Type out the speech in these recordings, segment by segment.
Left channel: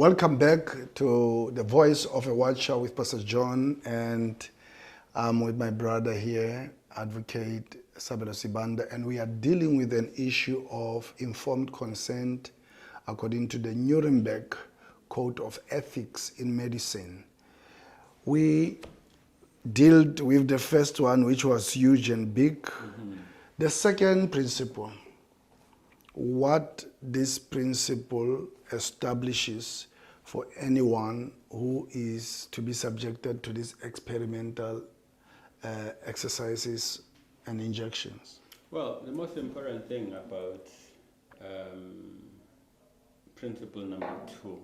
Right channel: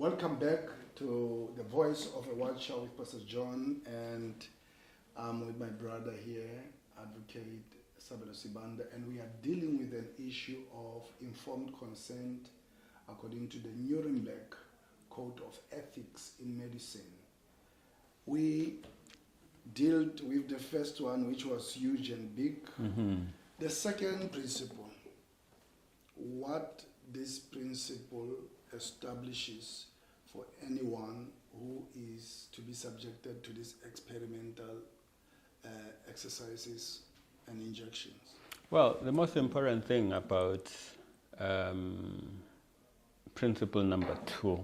Welcome back to the Voice of a Watcher with Pastor John, and I'm with my brother here, Advocate Sabelo Sibanda, and we are dealing with an issue of informed consent according to the Nuremberg Code of Ethics in Medicine. We dealt with the first one, which was huge and big. The second principle, what this principle establishes for anyone who is to be subjected to these experimental exercises and injections. Well, the most important thing about principle number 2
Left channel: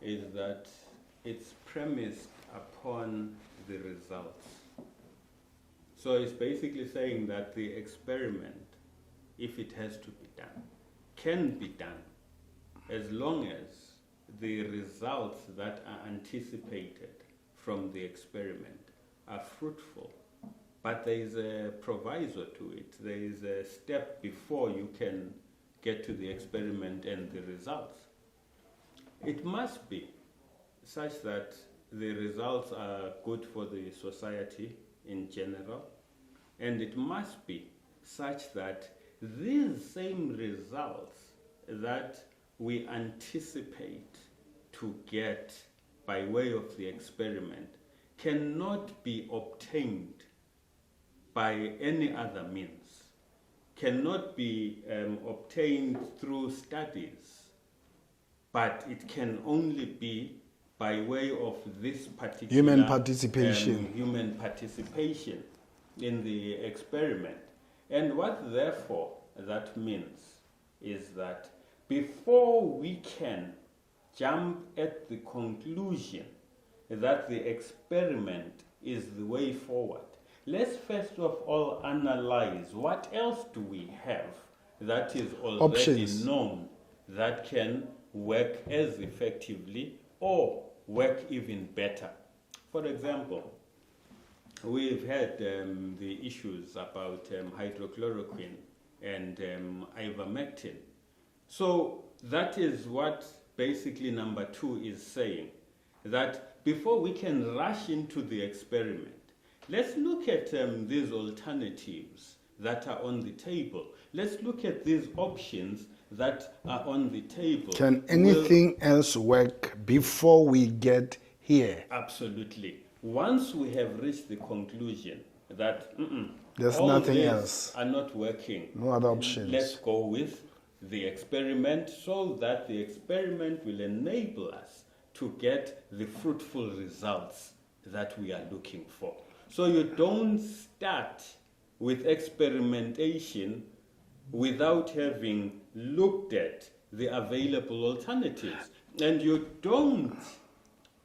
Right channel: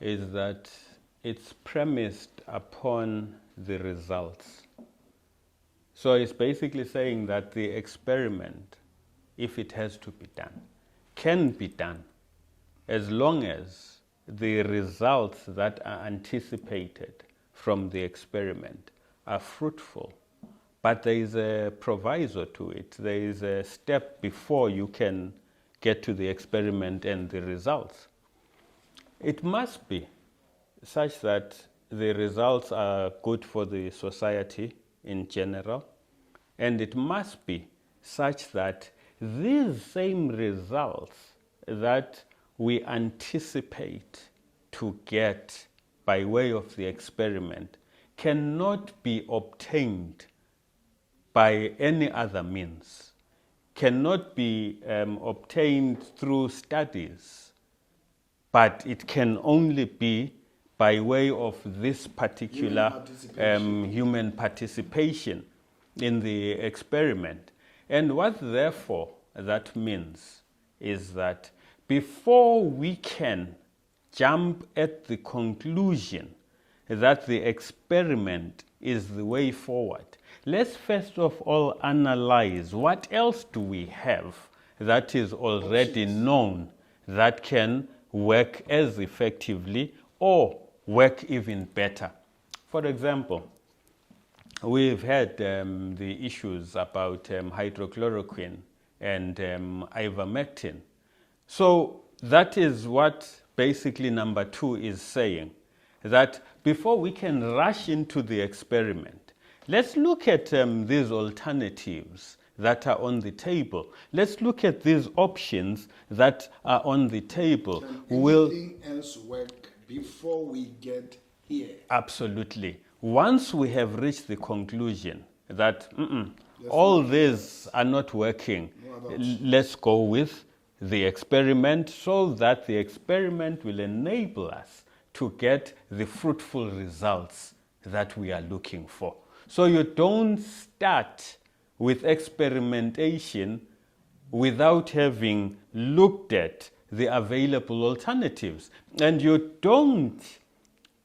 is that it's premised upon the results. So it's basically saying that the experiment, if it has to be done, can be done as long as the results that are anticipated from the experiment are fruitful. But there is a proviso to it. There is a step before you can get to the experiment and the results. It must be such that the results are good for the society in general, and it must be such that these same results that we anticipate to get by way of the experiment cannot be obtained by any other means, cannot be obtained through studies, but it can only be by way of this particular human participation in the experiment. And what therefore that means is that before we can jump at the conclusion that the experiment is the way forward, let's first of all analyze what else do we have that is already known that can work as effectively or work even better. For example, we've had the issues about hydrochloroquine and ivermectin. So that is what basically number 2 is saying, that before we can rush into the experiment, let's look at these alternatives that are on the table. Let's look at these options that are on the table. Can anything else work before we get here? Absolutely. Once we have reached the conclusion that There's all nothing these else. are not working, No other options. let's go with the experiment, so that the experiment will enable us to get the fruitful results that we are looking for. So you don't start with experimentation without having looked at the available alternatives. And you don't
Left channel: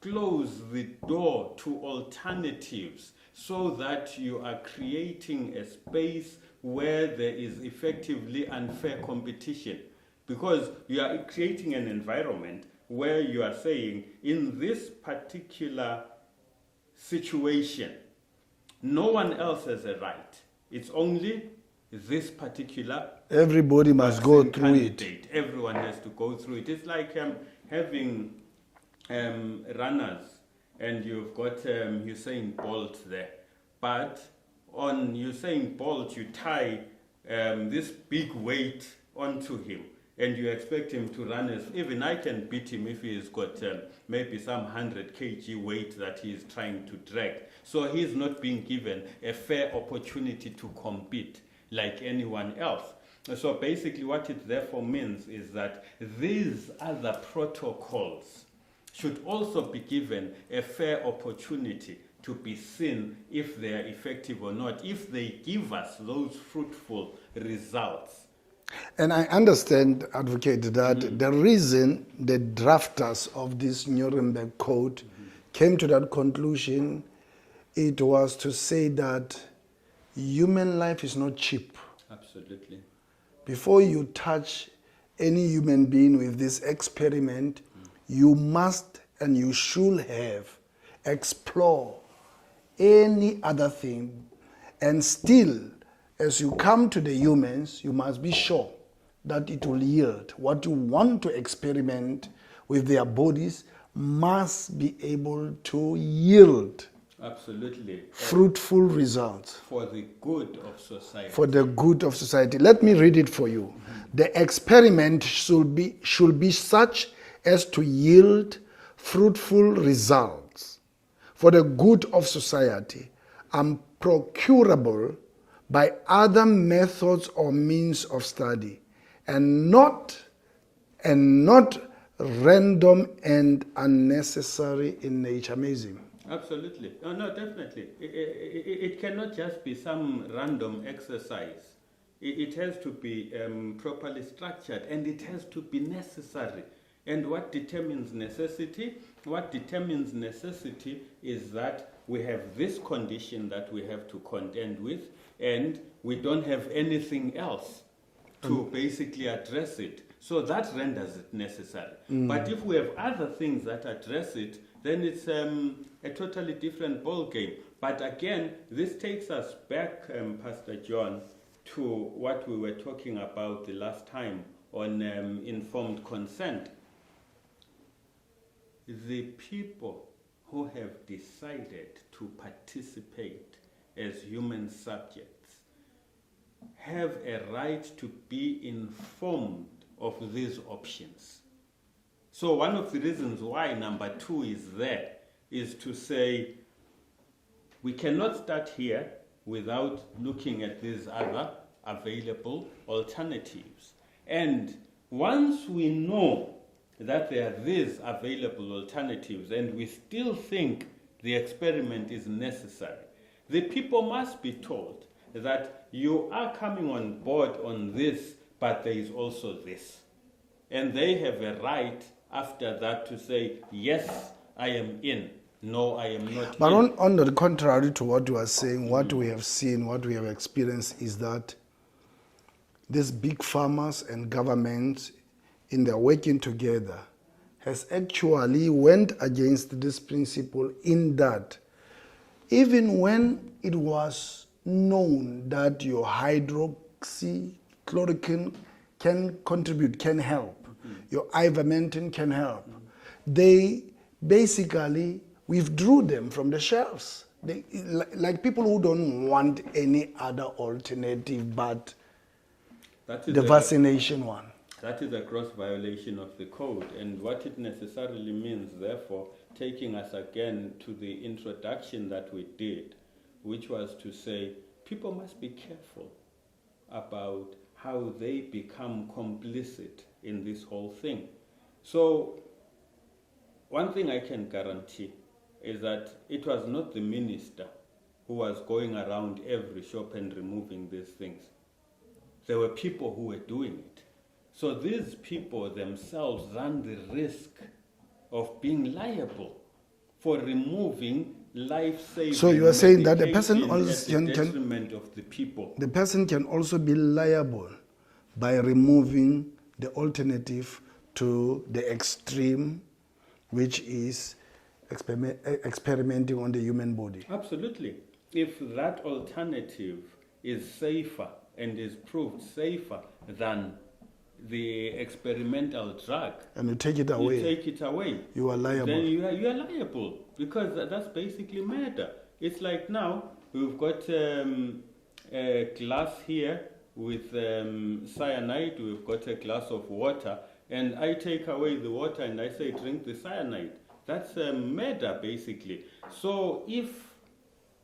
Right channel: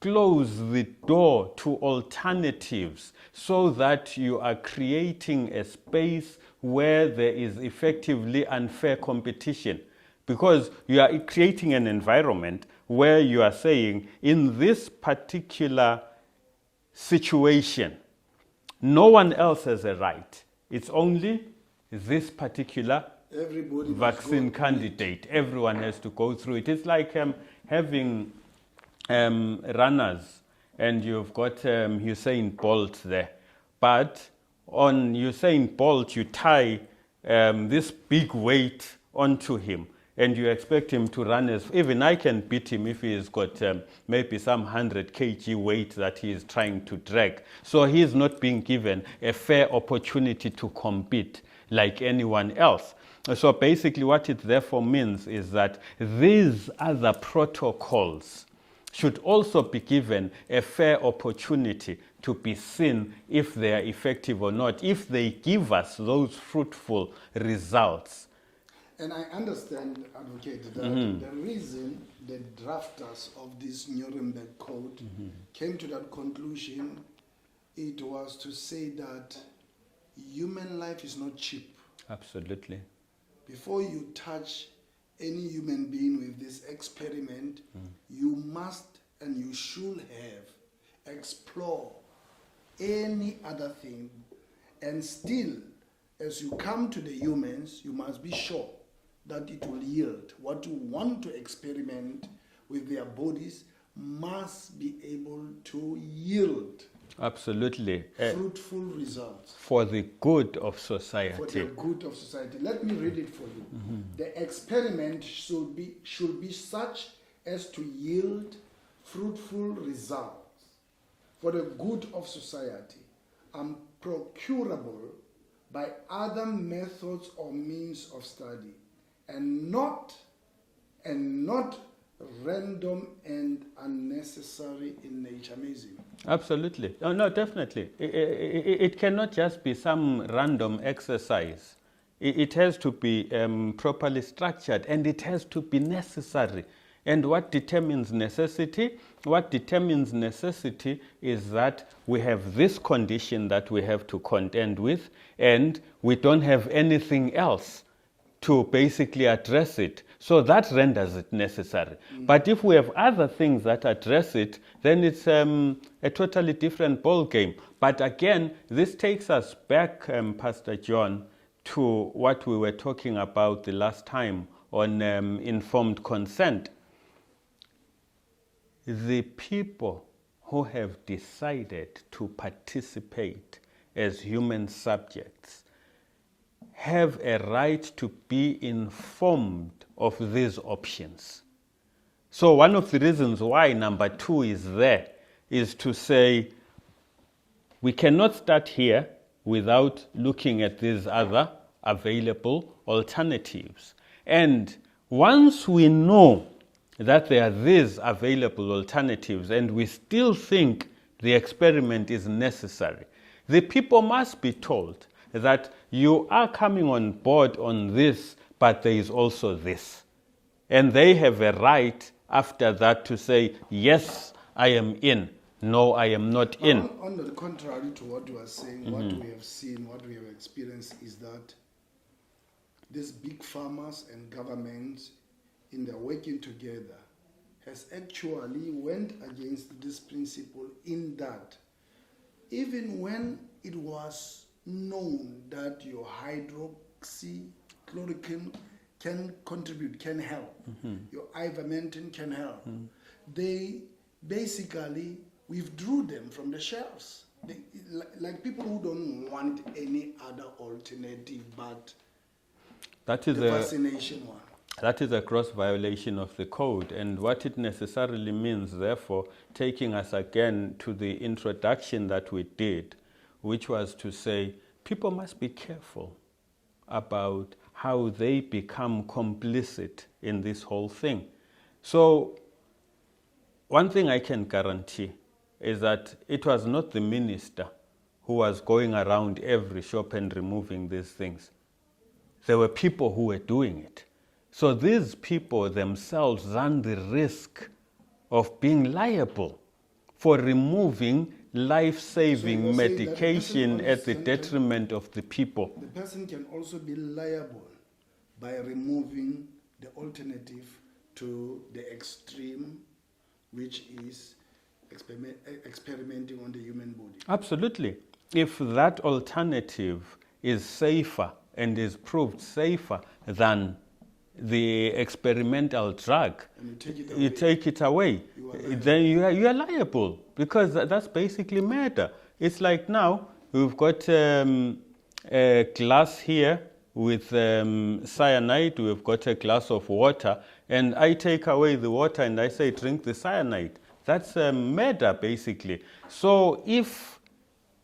close the door to alternatives so that you are creating a space where there is effectively unfair competition, because you are creating an environment where you are saying, in this particular situation, no one else has a right. It's only this particular Everybody must go through candidate. Everyone has to go through it. It's like having runners, and you've got Usain Bolt there. But on Usain Bolt, you tie this big weight onto him, and you expect him to run as... Even I can beat him if he's got maybe some 100 kg weight that he is trying to drag. So he's not being given a fair opportunity to compete like anyone else. So basically what it therefore means is that these other protocols should also be given a fair opportunity to be seen if they are effective or not, if they give us those fruitful results. And I understand, Advocate, that the reason the drafters of this Nuremberg Code came to that conclusion, it was to say that human life is not cheap. Absolutely. Before you touch any human being with this experiment, you must and you should have explore any other thing, and still, as you come to the humans, you must be sure that it will yield what you want to experiment with their bodies must be able to yield Absolutely. fruitful results For the good of society. for the good of society. Let me read it for you. The experiment should be such as to yield fruitful results for the good of society and procurable by other methods or means of study, and not random and unnecessary in nature. Amazing. Absolutely. Oh, no, definitely. It cannot just be some random exercise. It has to be properly structured, and it has to be necessary. And what determines necessity? What determines necessity is that we have this condition that we have to contend with, and we don't have anything else to basically address it. So that renders it necessary. But if we have other things that address it, then it's a totally different ball game. But again, this takes us back, Pastor John, to what we were talking about the last time on informed consent. The people who have decided to participate as human subjects have a right to be informed of these options. So one of the reasons why number 2 is there is to say we cannot start here without looking at these other available alternatives. And once we know that there are these available alternatives and we still think the experiment is necessary, the people must be told that you are coming on board on this, but there is also this. And they have a right after that to say, yes, I am in. No, I am not But in. on the contrary to what you are saying, what we have seen, what we have experienced is that these big farmers and governments, in their working together, has actually went against this principle, in that even when it was known that your hydroxychloroquine can contribute, can help, your ivermectin can help, they basically withdrew them from the shelves. They, like people who don't want any other alternative but That is the vaccination one. That is a gross violation of the code, and what it necessarily means, therefore, taking us again to the introduction that we did, which was to say people must be careful about how they become complicit in this whole thing. So one thing I can guarantee is that it was not the minister who was going around every shop and removing these things. There were people who were doing it. So these people themselves run the risk of being liable for removing life-saving medication at the detriment of the people. The person can also be liable by removing the alternative to the extreme, which is experimenting on the human body. Absolutely. If that alternative is safer and is proved safer than the experimental drug, and you take it away, you are liable. Then you are liable, because that's basically murder. It's like now we've got a glass here with cyanide, we've got a glass of water, and I take away the water and I say drink the cyanide. That's murder, basically. So if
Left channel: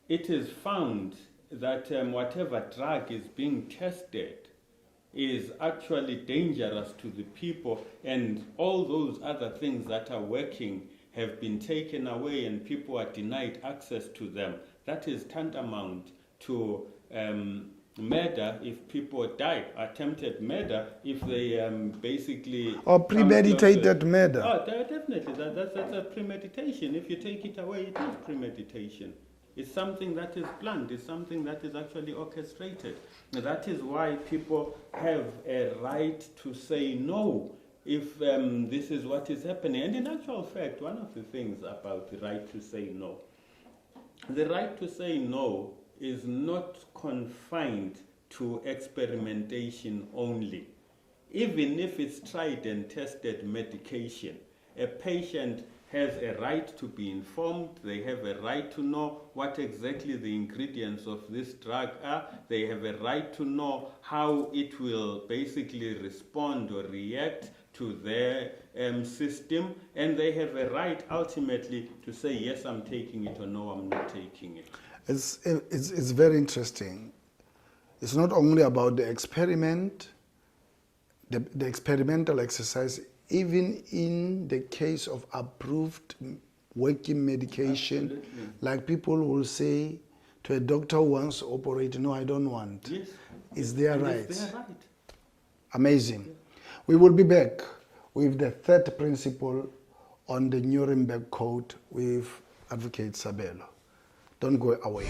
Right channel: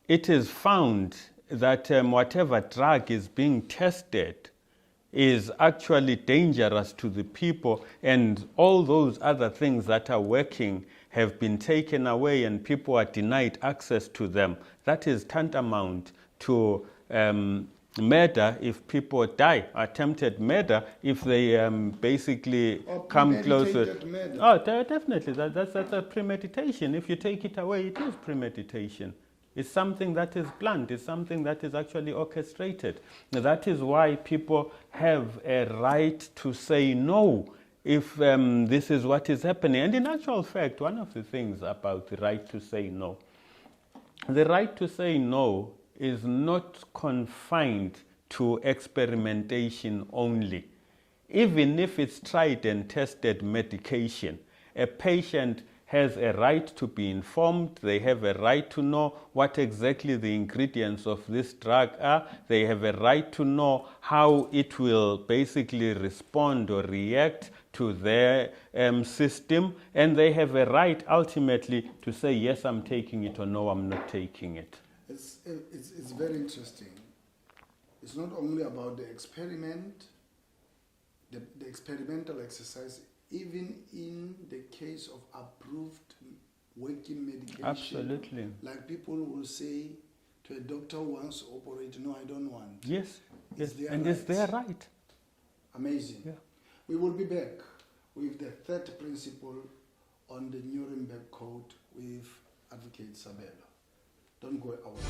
it is found that whatever drug is being tested is actually dangerous to the people, and all those other things that are working have been taken away and people are denied access to them, that is tantamount to murder if people die, attempted murder if they basically or premeditated murder. Oh, definitely. That's a premeditation. If you take it away, it is premeditation. It's something that is planned. It's something that is actually orchestrated. That is why people have a right to say no if this is what is happening. And in actual fact, one of the things about the right to say no, the right to say no is not confined to experimentation only. Even if it's tried and tested medication, A patient has a right to be informed. They have a right to know what exactly the ingredients of this drug are. They have a right to know how it will basically respond or react to their system. And they have a right ultimately to say, yes, I'm taking it, or no, I'm not taking it. It's very interesting. It's not only about the experiment, the experimental exercise. Even in the case of approved working medication, Absolutely. like people will say to a doctor who wants to operate, no, I don't want. Yes. It's yes. their and right. It's their right. Amazing. Yeah. We will be back with the third principle on the Nuremberg Code with Advocate Sabelo. Don't go away.